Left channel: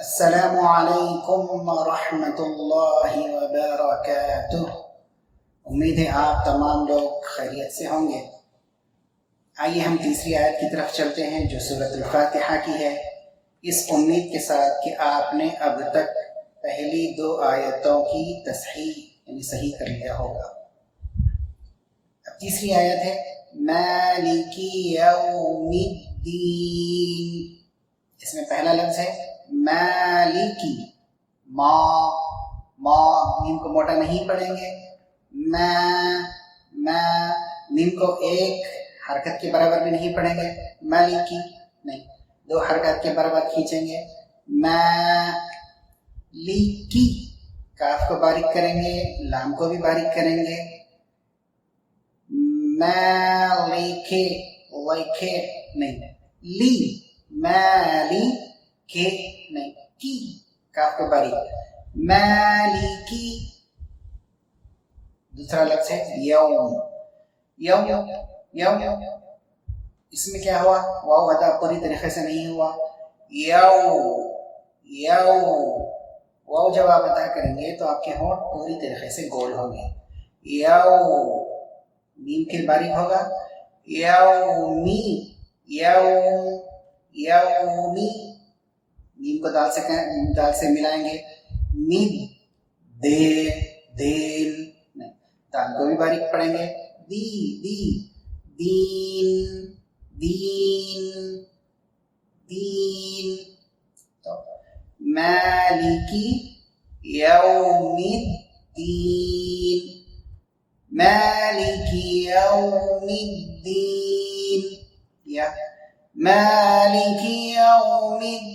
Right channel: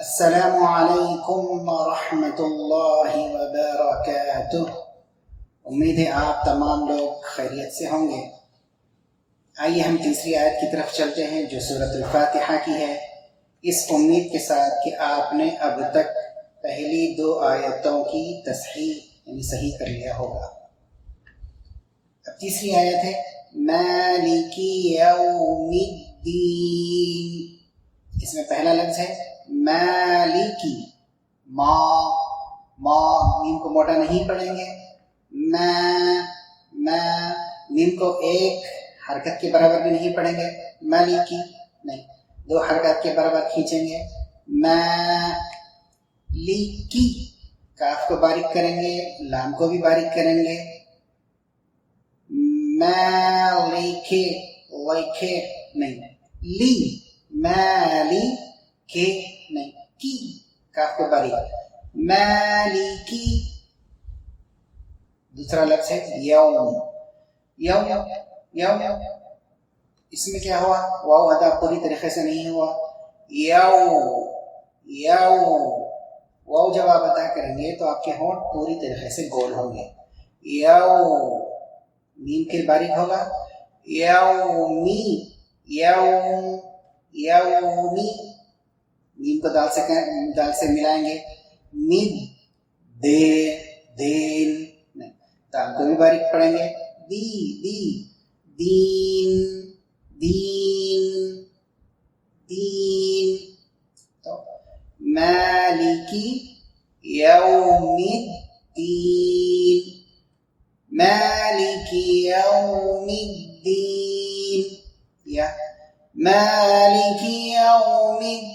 السلام علیکم ورحمۃ اللہ وبرکاتہ۔ امید ہے آپ تمام لوگ خیریت سے ہوں گے۔ آئیے ہم تیسری آیت کی طرف چلتے ہیں جو سورۃ الفاتحہ کی ہے، اس امید کے ساتھ کہ آپ نے اب تک پہلی دو آیتوں کی تصحیح یعنی صحیح کر لیا ہوگا۔ اب تیسری آیت ہے مالک یوم الدین۔ اس میں پہلا لفظ ہے مالکی، ما میم کو موٹا نہیں پڑھیں گے، میم کو ایک حرکت کے برابر بھی نہیں پڑھیں گے، مالکی نہیں، دو حرکات کے برابر کھینچیں گے، مالکی، کاف کو باریک کریں گے، لام کو بھی باریک کریں گے، مالکی لکھے نہیں، لی مالی کے نہیں، کی کاف کو باریک، مالکی۔ دوسرا لفظ ہے یوم، یوم یوم، اس میں کیا ہوا؟ واو ادا پوری طریقے سے نہیں ہوا، واو جب آپ ادا کریں گے تو آپ کے ہونٹ پوری طریقے سے گول ہوں گے، میم کے باریک ہوگا، یومی، یومی، میم کو دال سے ملائیں گے، مید، دین نہیں، دال کو بھی باریک پڑھیں گے، دین۔ تو مالکی یوم الدین، مالک یوم الدین، یا مالک یوم الدین۔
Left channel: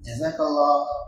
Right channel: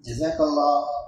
جزاک اللہ۔